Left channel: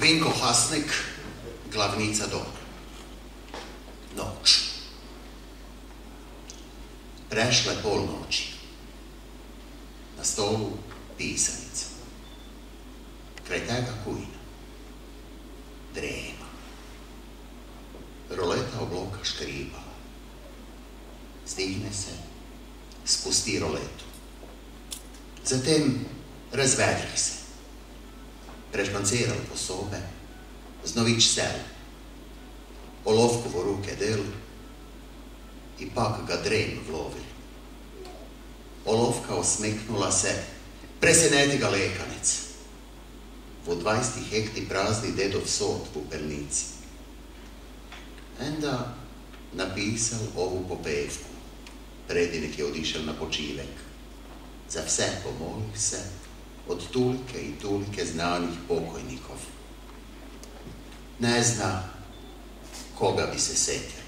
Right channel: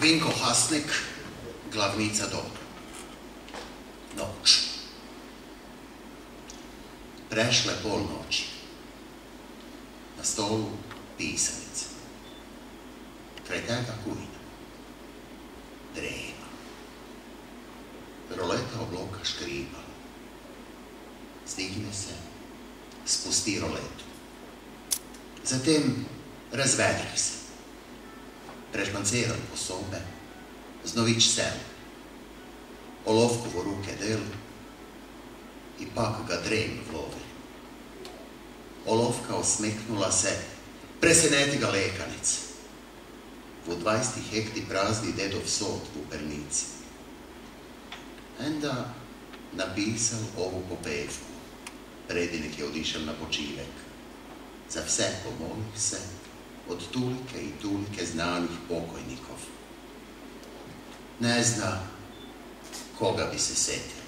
Vinko Hasnik, glavnica dobra. Noć. Prešle polnoći. Na stolu pisanica. Kraj tega kujna. Drema. Roleta obloka škripala. Stigne se, spusti roletu. Zatem razvedri se. Prežmanceral po sobe, znovič sel. Olovku v ruke del i pak ga drem vlovi. Olovka osmeknula se, preseneti ga lekanic. V 20 hekti prazni dedov sod v pernici. Enda napisal ovu popevku. Predinik je odišel na počivek. Za vse pomolih se od tulike i tulike znanih pokojnikov. Ne zna koga bi se setio.